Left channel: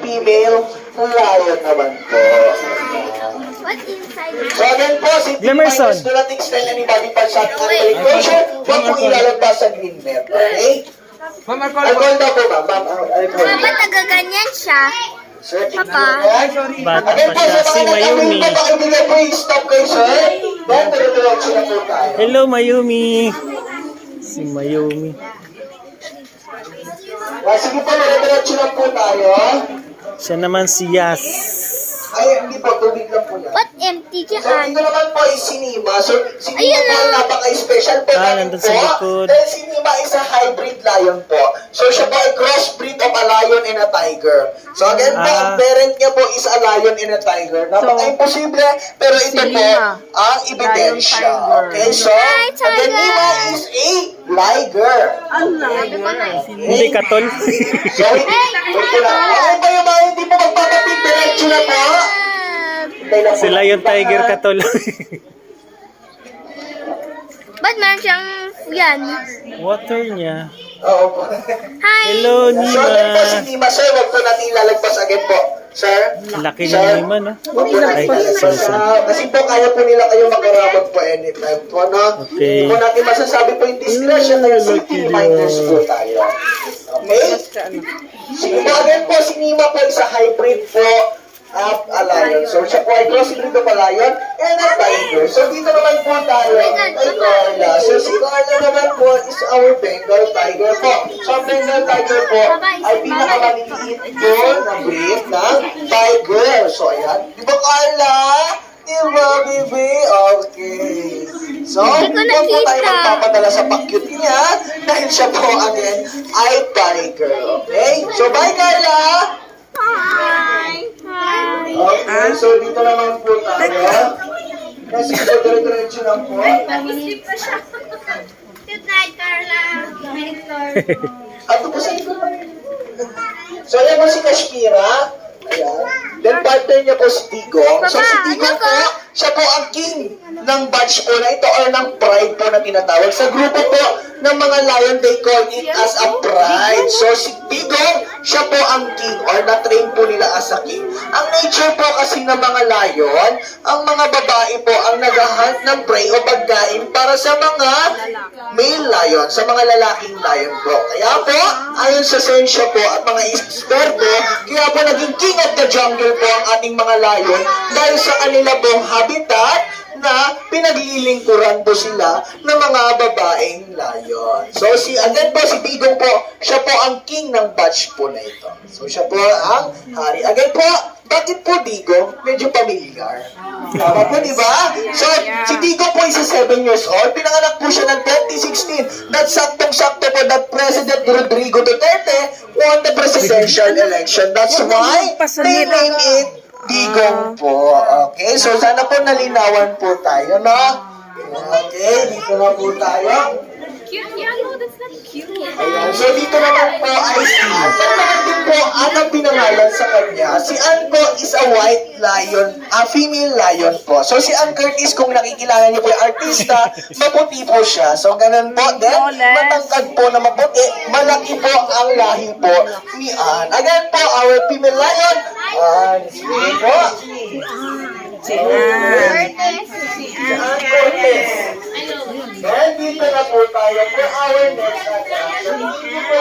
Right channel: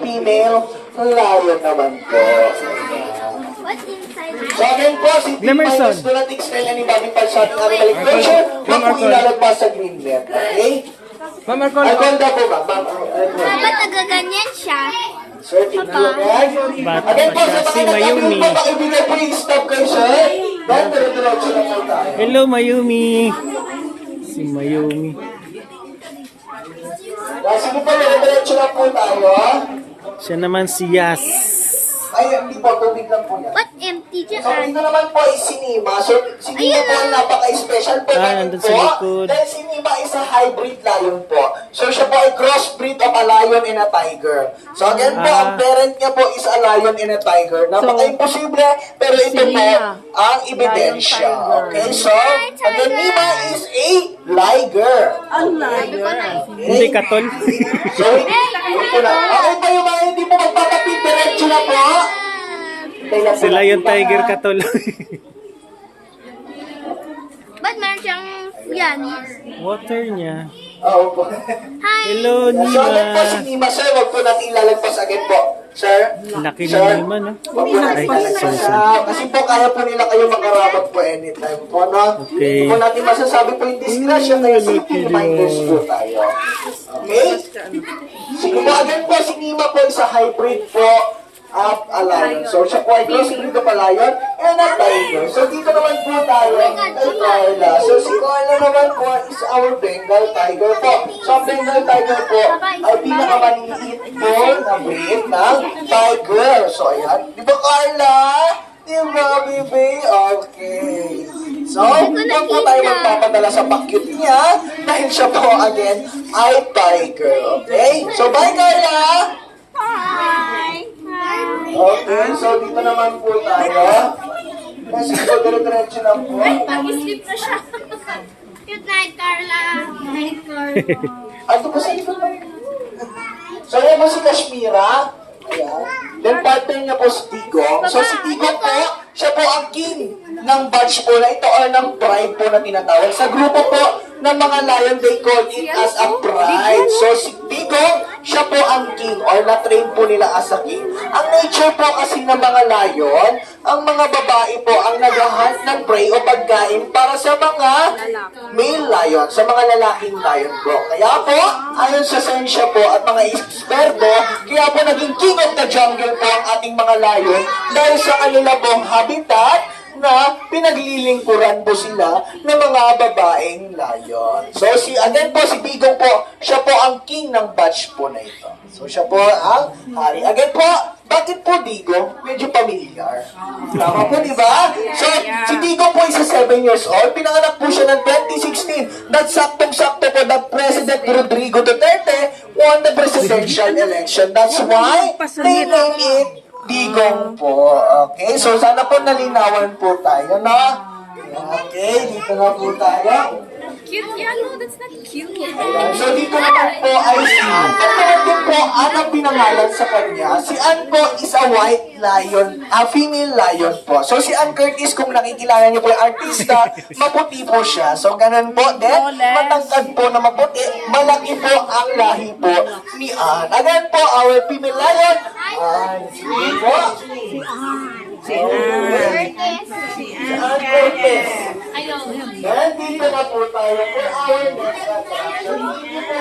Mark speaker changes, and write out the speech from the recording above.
Speaker 1: female lion naman po.
Speaker 2: What's inside?
Speaker 1: So again po, si
Speaker 3: Glimmerson.
Speaker 1: T-Minus do not extend any body parts sa ating animal equation. Huwag po ilalagpas sa green net. Okay? Alcohol daw po ba? Ma'am, alcohol.
Speaker 2: Ba't nagaganyan siya?
Speaker 1: Sir, tignan nyo yan.
Speaker 3: Bata
Speaker 1: Again
Speaker 3: pa
Speaker 1: po,
Speaker 3: siya,
Speaker 1: sa
Speaker 3: si
Speaker 1: mga
Speaker 3: Mayumi.
Speaker 1: po, pakibigay po yung stop kayo, sir. Then, dire-diretso na po tayo.
Speaker 3: Hello, Mayumi. Si Mayumi.
Speaker 1: Sige po, dire-diretso na po tayo.
Speaker 3: Siya naman si Yas.
Speaker 1: Ay, hindi po, tubig lang po yan.
Speaker 2: What empty
Speaker 1: So,
Speaker 2: dyan?
Speaker 1: dito naman po ay sinima. So, si Nima
Speaker 2: Ayun
Speaker 1: po
Speaker 2: na.
Speaker 1: napaka-special po
Speaker 3: Ah,
Speaker 1: namin
Speaker 3: nandun
Speaker 1: po.
Speaker 3: sa likod.
Speaker 1: Dahil si Nima is a hybrid lion po. So, siya po ay crossbreed of a lion and a tiger. So, again po, ang
Speaker 3: Ah.
Speaker 1: parent niya po is a lion and a tiger. Napaka-imposible, pero ito po ang ebidensya.
Speaker 4: lion, tiger.
Speaker 1: Okay, so, again, Nima is a liger.
Speaker 3: Hindi katol.
Speaker 1: So, wait ko lang.
Speaker 3: Sila yung tiger katol.
Speaker 2: Ba't meron siyang yan?
Speaker 3: Water niya.
Speaker 1: Oo po.
Speaker 2: Hi!
Speaker 3: Hello,
Speaker 1: So, again po si
Speaker 3: Nima.
Speaker 1: Nima, sir. Huwag po natin ilalagpas again po. Sir?
Speaker 3: Laki
Speaker 1: Sir?
Speaker 3: ni Nima, no?
Speaker 1: Huwag po natin
Speaker 3: Ay,
Speaker 1: ilalagpas.
Speaker 3: sorry,
Speaker 1: ah, kasi po, kaya po nila kayo makaramot po anytime po, no?
Speaker 3: Okay.
Speaker 1: Hindi po natin masasabi po yung discretion na yung safety reminders po tayo. Okay? Sige po, again po, si Nima po is a hybrid po up a lion. So, siya po ay crossbreed of a lion and a tiger. So, dito naman po tayo kay Carla. So, si Carla naman po is our Bengal tiger po. So, ang Bengal tiger po ay pinakamaliliit po na breed ng tiger. So, ayan. Di ba, Carla? Di ba, baby? Okay. So, huwag po tayo magpapadala sa pakyut niya dahil siya po, again, ay tiger. Okay? So, bye, Carla!
Speaker 2: Hi!
Speaker 1: Okay, so dito naman po tayo. Kasi po, dire-diretso lang po.
Speaker 2: Nag-sleep na siya. Good night, Carla. Good night, Carla.
Speaker 1: Ano po sa So, ayan po si Kashmira. Ayan. Then, partner niya po si Tigong. So, si Tigong po, siya po ang king ng badge po na ito or ng pride po na tinatawag. Sa grupo po ng mga lion, they call it as a pride. So, si Tigong, siya po ang king or na-train po nila as a king. Ang nature po kasi ng mga lion, ang mga babae po ang naghahunt ng prey o pagkain para sa mga male lion, sa mga lalaking lion po. Kaya po, ayon sa sensya po at mga eksperto, kaya po naging king of the jungle po ang ating mga lion dahil sa kanila pong habitat na pinaglilingkuran po sila ng mga babaeng lion. So si again po si Bigong po, siya po ang king ng batch po na ito. So siya po ang hari. Again po, bakit po Digong? Medyo familiar. Tama po, di ba? So, si Digong po is 7 years old. Pinanganak po siya ng 2016. That's saktong-sakto po that President Rodrigo Duterte won the presidential election. That's why they name it Digong po. Okay, so sana po nalinawan po tayo, no? Okay, dito na po tayo.
Speaker 4: Cute yan, no? That's not cute.
Speaker 1: Ayan. So dito naman po ay si Pagkakat din po ang ang pinangalan sa kanya. Si Ann po is a white lion, a female lion po. So si Ann Curtis, kung nakikilala niyo po yung artista, maputi po siya. So ganun po. Then, matangkad po na maputi. Malaki po ang lahi po ni Ann. Again po, our female lion, Ann. Sige po. Si Ann. Si Ann Curtis. Then, dito na po tayo for our next attraction. Dito po